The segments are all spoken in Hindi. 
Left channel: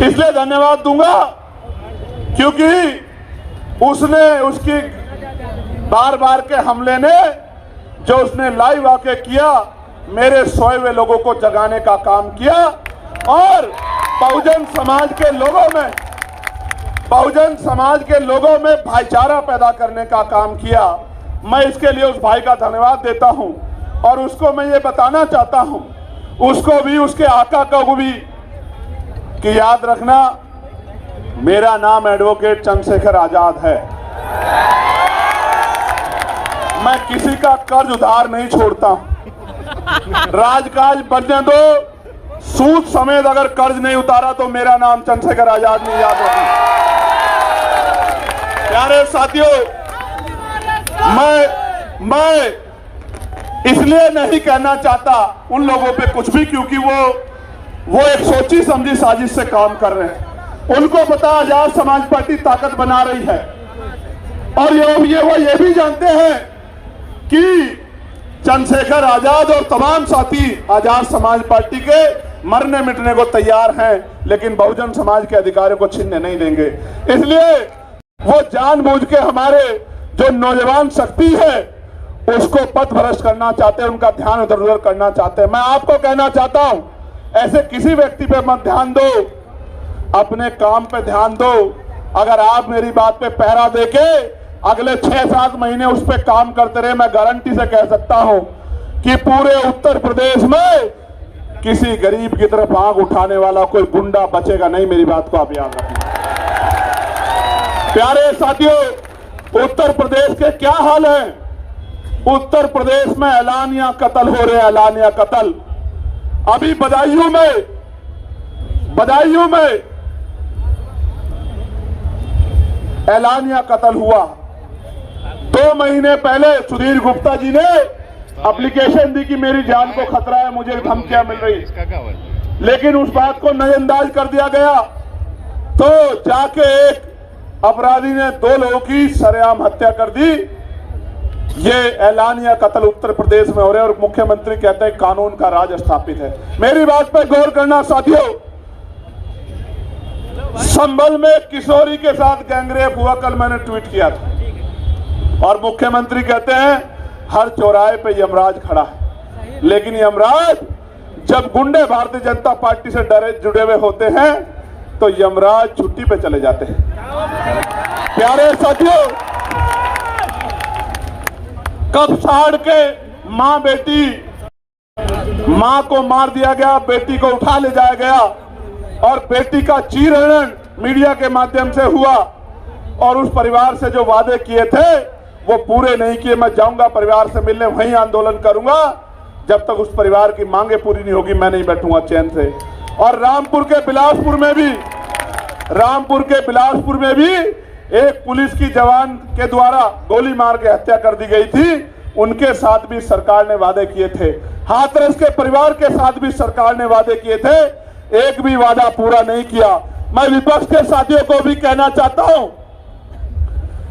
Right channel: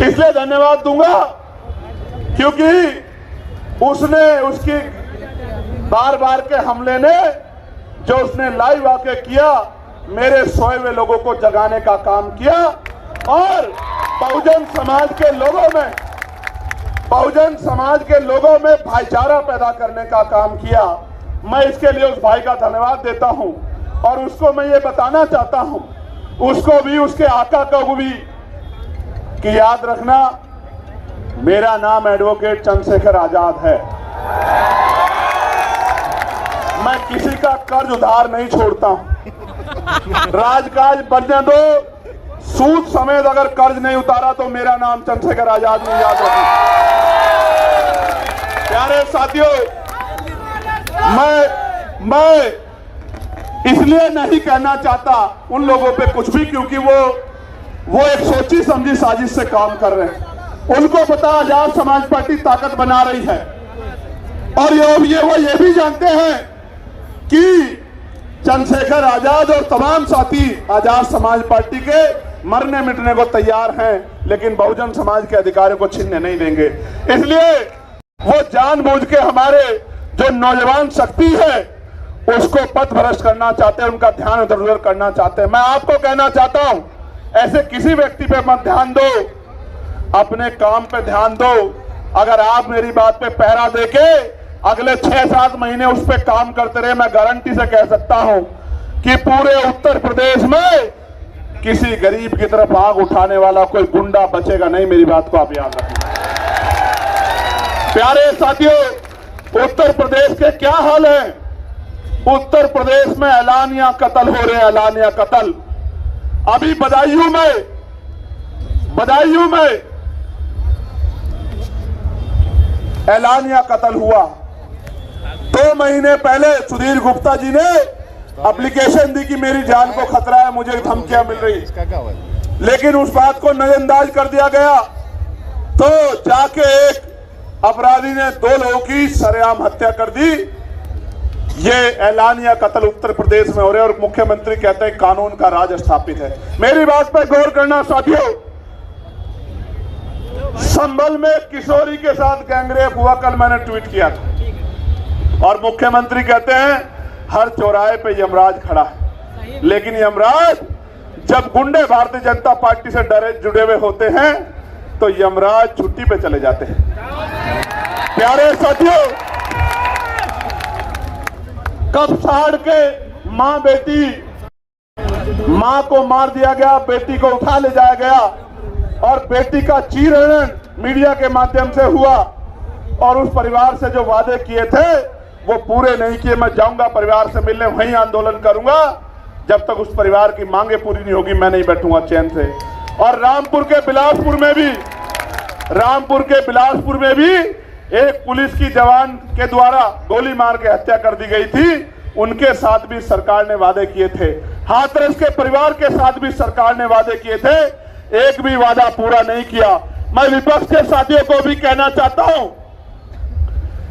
इसलिए धन्यवाद दूंगा क्योंकि उसकी बार बार के हमले ने जो उसने लाइव आके किया, मेरे सोए हुए लोगों को जगाने का काम किया और बहुजन समाज के लोगों में भाईचारा पैदा करने का काम किया। मैं इसके लिए उस भाई का धन्यवाद देता हूं और उसको मैं ये बताना चाहता हूं, उसको भी, उसके आका को भी, कि याद रखना मेरा नाम एडवोकेट चंद्रशेखर आजाद है। मैं किसी का कर्ज उधार नहीं छोड़ता हूं। राजकाज बनने दो, सूद समेत अगर कर्ज नहीं उतारा तो मेरा नाम चंद्रशेखर आजाद नहीं, याद रखना। प्यारे साथियों, मैं इसलिए नहीं कहना चाहता उन लोगों पे कुछ भी क्योंकि वो एक सोची समझी साजिश से काम कर रहे हैं। उनको पता आजाद समाज पार्टी ताकत बना रही है और वो ये भी जानते हैं कि चंद्रशेखर आजाद और तमाम साथी आजाद समाज पार्टी के मरने मिटने को तैयार हैं, लेकिन बहुजन समाज के अधिकारों को छीनने नहीं देंगे। इसलिए वो जानबूझ के हमारे जो नौजवान शक्ति है उसको पथ भ्रष्ट करना चाहते हैं, उनका ध्यान इधर उधर करना चाहते हैं। मैं आपको कहना चाहता हूं, ऐसे किसी व्यक्ति पे मत ध्यान दो, अपने काम पे ध्यान दो। अगर आप मेरी बात पे पहरा देके अगले 6-7 महीने उस पे काम करते रहे, मैं गारंटी से कह सकता हूं कि पूरे उत्तर प्रदेश में किसी गरीब की तरफ आंख उठाने वाला कोई गुंडा बचेगा नहीं। मेरी बात को आप याद रखना। प्यारे साथियों, उत्तर प्रदेश के क्या हाल है? उत्तर प्रदेश में ऐलानिया कत्ल हो रहे हैं, ऐलानिया कत्ल। अभी बदायूं में ऐलानिया कत्ल हुआ। 2 महीने पहले सुधीर गुप्ता जी ने एप्लीकेशन दी कि मेरी जान को खतरा है, मुझे धमकियां मिल रही, लेकिन उस बात को नजरअंदाज कर दिया गया। तो जाके एक अपराधी ने 2 लोगों की सरेआम हत्या कर दी। ये ऐलानिया कत्ल उत्तर प्रदेश में हो रहे और मुख्यमंत्री कहते हैं कानून का राज स्थापित है। मेरी बात पर गौर करना साथियों, संभल में किशोरी के साथ गैंगरेप हुआ, कल मैंने ट्वीट किया था, और मुख्यमंत्री कहते हैं हर चौराहे पे यमराज खड़ा है। लेकिन यमराज जब गुंडे भारतीय जनता पार्टी से जुड़े हुए होते हैं तो यमराज छुट्टी पे चले जाते हैं। प्यारे साथियों, कब साड़ के मां को मार दिया गया, बेटी को उठा ले जाया गया और बेटी का चीरहरण मीडिया के माध्यम से हुआ और उस परिवार से जो वादे किए थे वो पूरे नहीं किए। मैं जाऊंगा परिवार से मिलने, वहीं आंदोलन करूंगा जब तक उस परिवार की मांगे पूरी नहीं होगी, मैं नहीं बैठूंगा चैन से। और रामपुर के बिलासपुर में भी एक पुलिस की जवान के द्वारा गोली मार के हत्या कर दी गई थी। उनके साथ भी सरकार ने वादे किए थे। हाथरस के परिवार के साथ भी सरकार ने वादे किए थे, एक भी वादा पूरा नहीं किया। मैं विपक्ष के साथियों को भी कहना चाहता हूं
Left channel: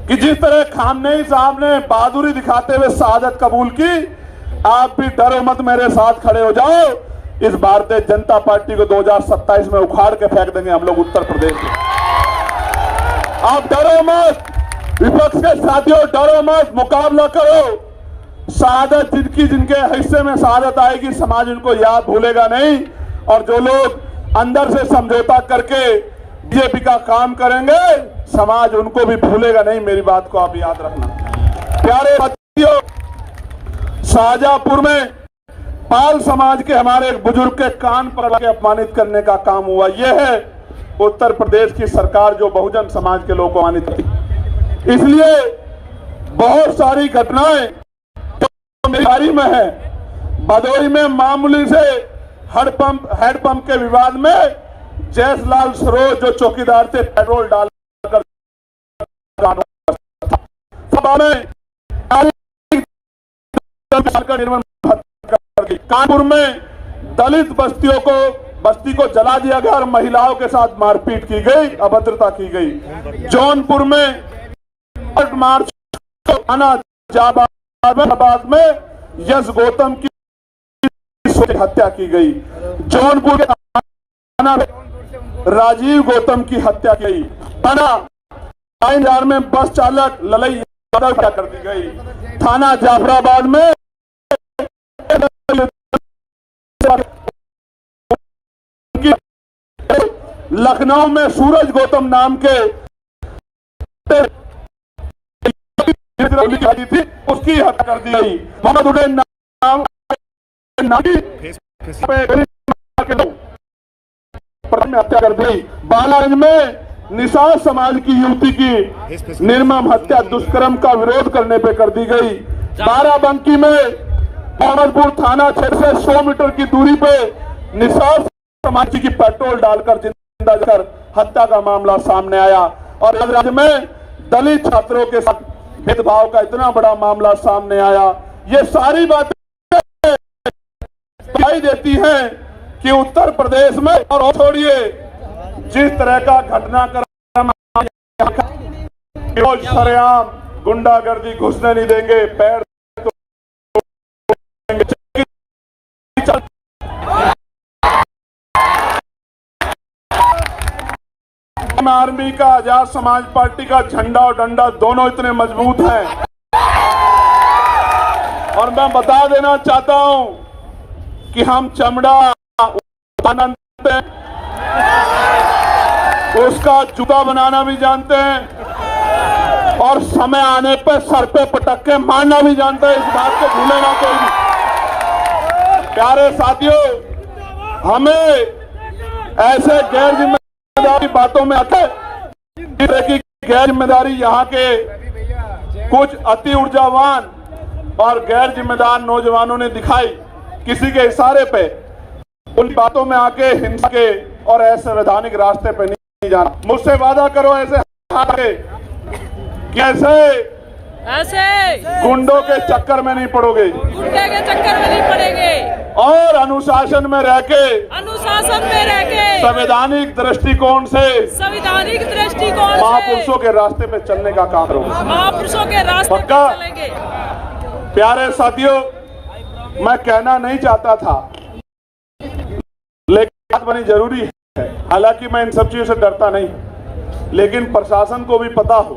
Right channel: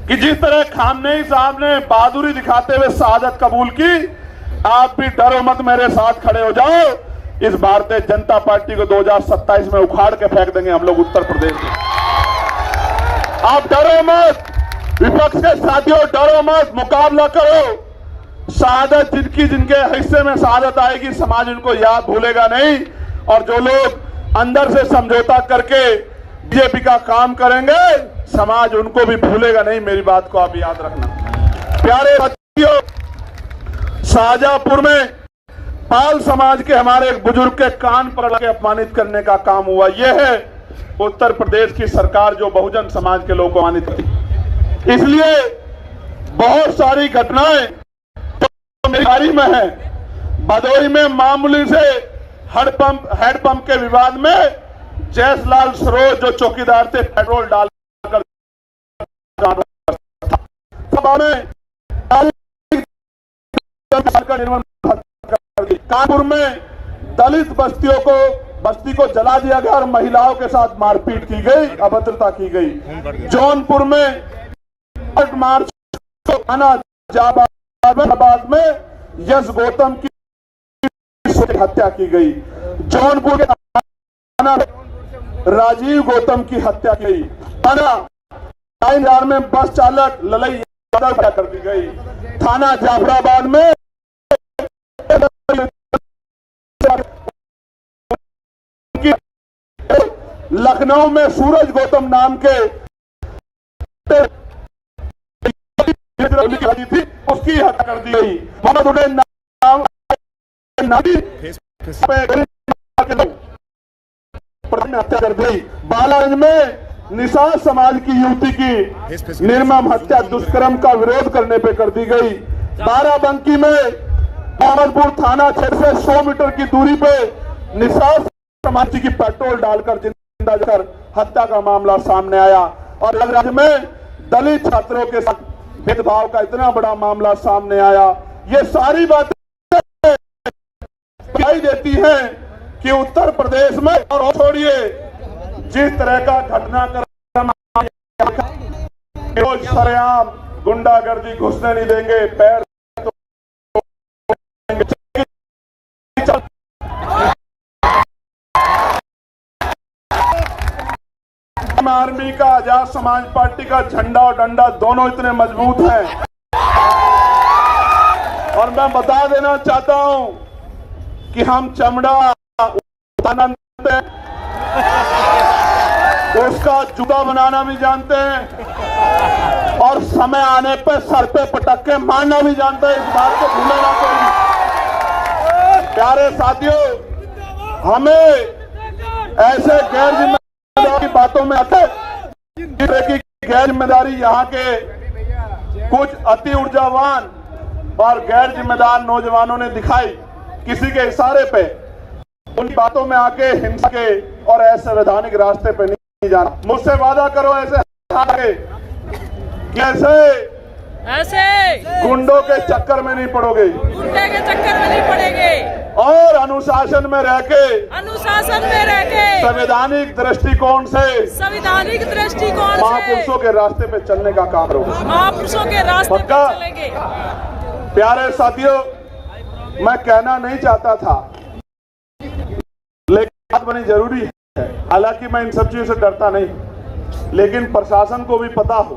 कि जिस तरह खामनेई साहब ने बहादुरी दिखाते हुए शहादत कबूल की, आप भी डरो मत, मेरे साथ खड़े हो जाओ। इस भारतीय जनता पार्टी को 2027 में उखाड़ के फेंक देंगे हम लोग उत्तर प्रदेश में। आप डरो मत, विपक्ष के साथियों डरो मत, मुकाबला करो। शहादत जिनके हिस्से में शहादत आएगी, समाज उनको याद भूलेगा नहीं। और जो लोग अंदर से समझौता करके बीजेपी का काम करेंगे, समाज उनको भी भूलेगा नहीं। मेरी बात को आप याद रखना। प्यारे साथियों, शाहजहांपुर में पाल समाज के हमारे एक बुजुर्ग के कान पर लगे अपमानित करने का काम हुआ। यह है उत्तर प्रदेश की सरकार जो बहुजन समाज के लोगों को अपमानित करती। इसलिए बहुत सारी घटनाएं तो मेरी में है। भदोही में मामूली से हैंडपंप के विवाद में जयसलाल सरोज जो चौकीदार थे, पेट्रोल डालकर कानपुर में दलित बस्ती को जला दिया गया और महिलाओं के साथ मारपीट की गई, अभद्रता की गई। जौनपुर में मार्च जाबाद में यश गौतम की हत्या की गई। जौनपुर राजीव गौतम की हत्या की। थाना लाइनदार में बस चालक ललई यादव की हत्या कर दी गई। थाना जाफराबाद में लखनऊ में सूरज गौतम नाम के थी, उसकी हत्या कर दी गई। मोहम्मद उडैन नाम हत्या कर दी। बालागंज में निषाद समाज की युवती की निर्मम हत्या दुष्कर्म का विरोध करने पे कर दी गई। बाराबंकी में मोहम्मदपुर थाना क्षेत्र से 100 मीटर की दूरी पे निषाद समाज की पेट्रोल डालकर जिंदा जलाकर हत्या का मामला सामने आया। और राज्य में दलित छात्रों के साथ भेदभाव का इतना बड़ा मामला सामने आया। ये सारी बातें दिखाई देती हैं कि उत्तर प्रदेश में, और छोड़िए जिस तरह का घटनाक्रम सरेआम गुंडागर्दी घुसने नहीं देंगे, पैर आर्मी का, आजाद समाज पार्टी का झंडा और डंडा दोनों इतने मजबूत हैं। और मैं बता देना चाहता हूं कि हम चमड़ा उतारते हैं, उसका जूता बनाना भी जानते हैं और समय आने पर सर पे पटक के मारना भी जानते हैं। इस बात को भूले ना कोई भी। प्यारे साथियों, हमें ऐसे गैर जिम्मेदारी बातों में आके गैर जिम्मेदारी यहाँ के कुछ अति ऊर्जावान और गैर जिम्मेदार नौजवानों ने दिखाई, किसी के इशारे पे उन बातों में आके हिंसा के और असंवैधानिक रास्ते पे नहीं जाना। मुझसे वादा करो ऐसे कैसे गुंडों के चक्कर में नहीं पड़ोगे, गुंडे के चक्कर में नहीं पड़ेंगे और अनुशासन में रह के संवैधानिक दृष्टिकोण से महापुरुषों के रास्ते पे चलने का काम करोगे। महापुरुषों के रास्ते पे चलेंगे। प्यारे साथियों, मैं कहना नहीं चाहता था, लेकिन बात बनी जरूरी है। हालांकि मैं इन सब चीजों से डरता नहीं, लेकिन प्रशासन को भी पता हो